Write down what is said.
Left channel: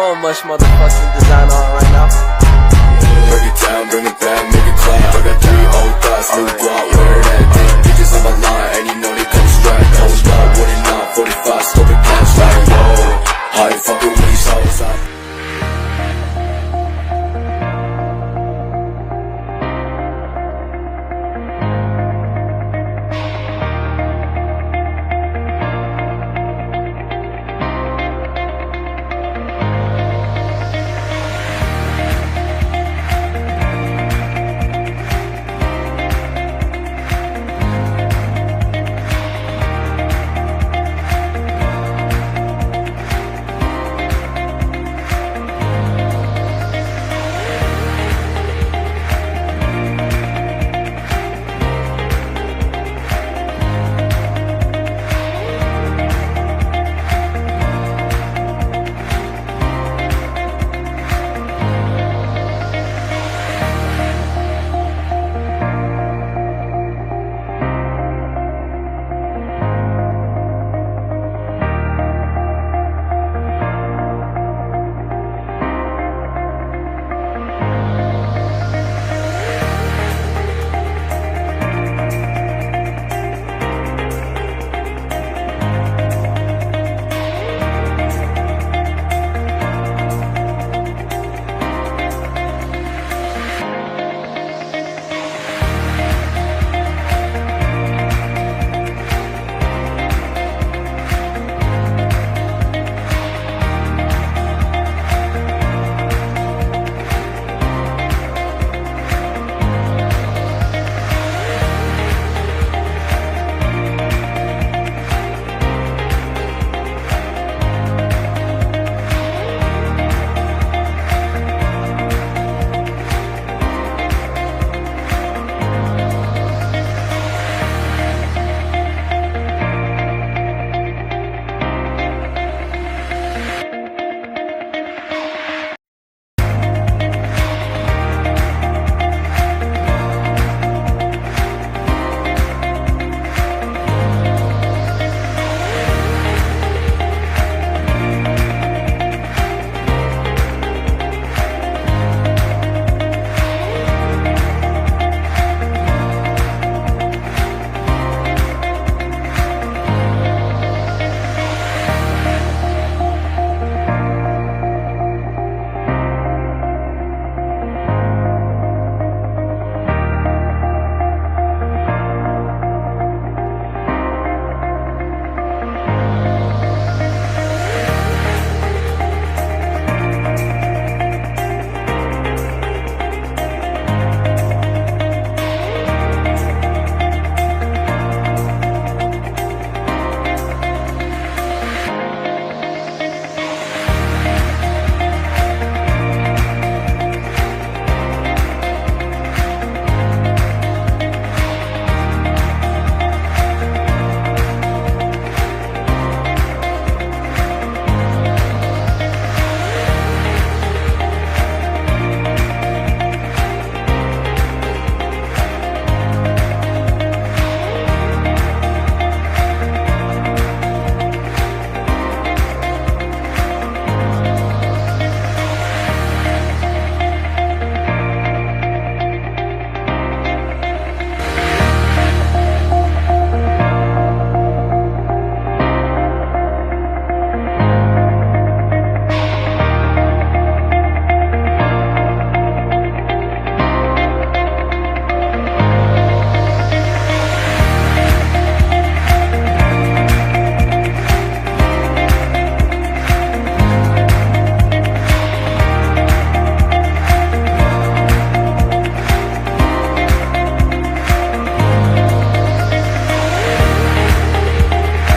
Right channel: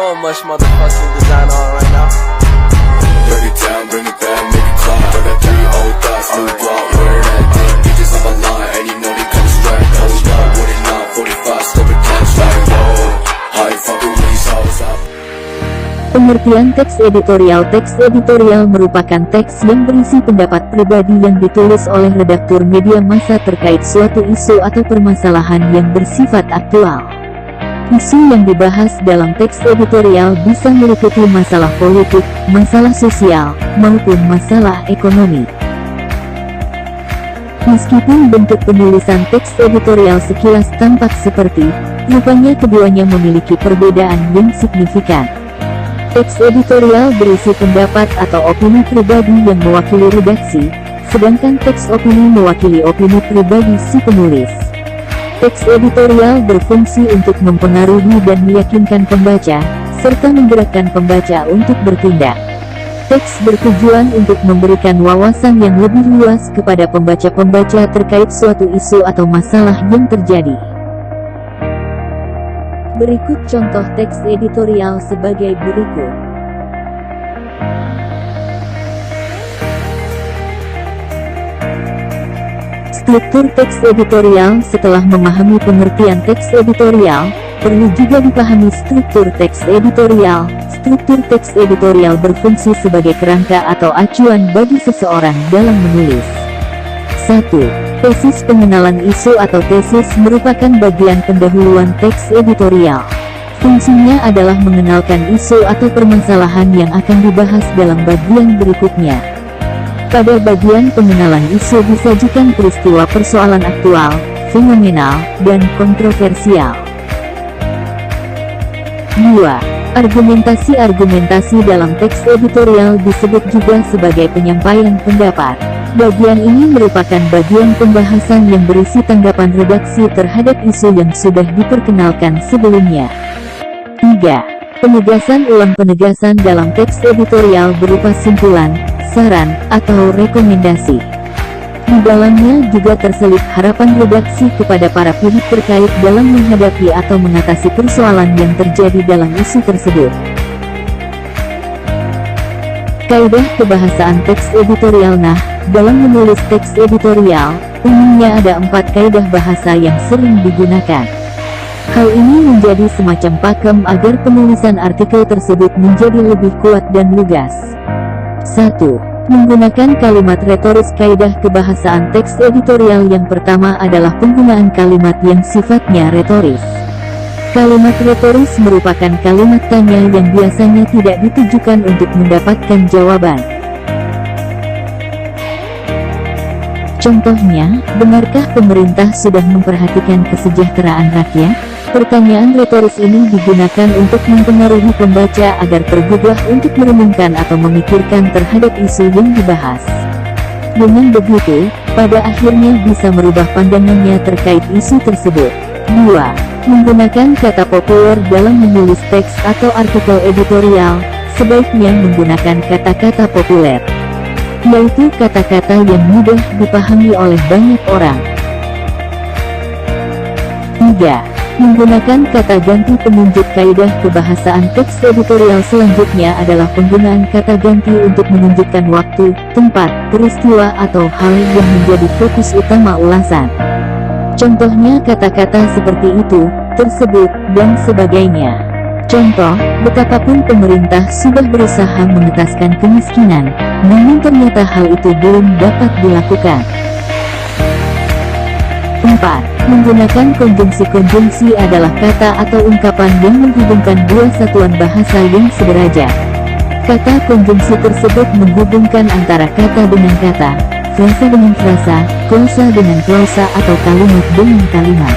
so much motherfucking design on right now. Break it down, bring it back, make it clap. I got 3 old thoughts, new block, where that thing. Bitches on my line, and you know they come straight. Hold up, what it not, 45, scope it cash like, whoa. How you fucking with these hoes up? Pengertian teks editorial. Teks editorial merupakan teks yang berisi pendapat pribadi yang ditulis oleh redaktur media massa terkait suatu isu atau permasalahan yang bersifat aktual. Isu yang dibahas dalam teks editorial bisa meliputi masalah politik, masalah sosial, maupun masalah ekonomi. Meskipun bentuk penulisan teks editorial sekilas tampak seperti, rupanya keduanya memiliki perbedaan yang signifikan. Teks editorial berisi pendapat atau opini pribadi yang mewakili redaksi, sedangkan teks opini mewakili opini pribadi si penulis. Teks editorial berfungsi untuk mempengaruhi dan meyakinkan pembaca, serta menggerakkan pembaca untuk bertindak. Teks bertujuan untuk memberikan wawasan yang lebih luas kepada pembaca-pembaca terkait suatu isu atau masalah yang terjadi. Berikut contoh teks editorial sebagai berikut. Struktur teks editorial. Setelah memahami pengertian teks editorial, perlu juga dipahami struktur teks editorial. Struktur teks editorial berfungsi sebagai kerangka atau acuan bagi seseorang dalam menulis. 1. Tesis. Pengenalan isu atau tesis merupakan bagian pendahuluan teks editorial. Fungsinya adalah mengenalkan isu atau permasalahan yang akan dibahas dalam bagian berikutnya. Pada bagian pengenalan isu disajikan peristiwa persoalan aktual, fenomenal, dan kontroversial. 2. Argumentasi. Argumentasi dalam teks editorial disebut juga sebagai penyampaian pendapat. Bagian ini merupakan bagian pembahasan yang berisi tanggapan redaksi terhadap isu yang sudah diperkenalkan sebelumnya. 3. Penegasan ulang. Penegasan dalam teks editorial berupa simpulan, saran, atau rekomendasi. Di dalamnya juga terselip harapan redaksi kepada para pihak terkait dalam menghadapi atau mengatasi persoalan yang terjadi dalam isu tersebut. Kaidah kebahasaan teks editorial. Nah, dalam menulis teks editorial, umumnya ada 4 kaidah bahasa yang sering digunakan. Hal ini menjadi semacam pakem agar penulisan artikel tersebut menjadi lebih kuat dan lugas. 1. Menggunakan kalimat retoris. Kaidah kebahasaan teks editorial yang pertama adalah penggunaan kalimat yang sifatnya retoris. Kalimat retoris merupakan kalimat tanya yang biasanya tidak ditujukan untuk mendapatkan jawaban. Contohnya, benarkah pemerintah sudah memperhatikan kesejahteraan rakyat? Pertanyaan retoris ini digunakan untuk mempengaruhi pembaca agar tergugah untuk merenungkan atau memikirkan terhadap isu yang dibahas. Dengan begitu, pada akhirnya bisa merubah pandangannya terkait isu tersebut. 2. Menggunakan kata populer dalam menulis teks atau artikel editorial. Sebaiknya menggunakan kata-kata populer, yaitu kata-kata yang mudah dipahami oleh banyak orang. 3. Menggunakan kata ganti penunjuk. Kaidah kebahasaan teks editorial selanjutnya adalah penggunaan kata ganti untuk menunjukkan waktu, tempat, peristiwa, atau hal yang menjadi fokus utama ulasan. Contohnya kata-kata seperti itu, tersebut, dan sebagainya. Contoh, betapapun pemerintah sudah berusaha mengentaskan kemiskinan, namun ternyata hal itu belum dapat dilakukan. 4. Menggunakan konjungsi. Konjungsi adalah kata atau ungkapan yang menghubungkan dua satuan bahasa yang sederajat. Kata konjungsi tersebut menghubungkan antara kata dengan kata, frasa dengan frasa, klausa dengan klausa, atau kalimat dengan kalimat.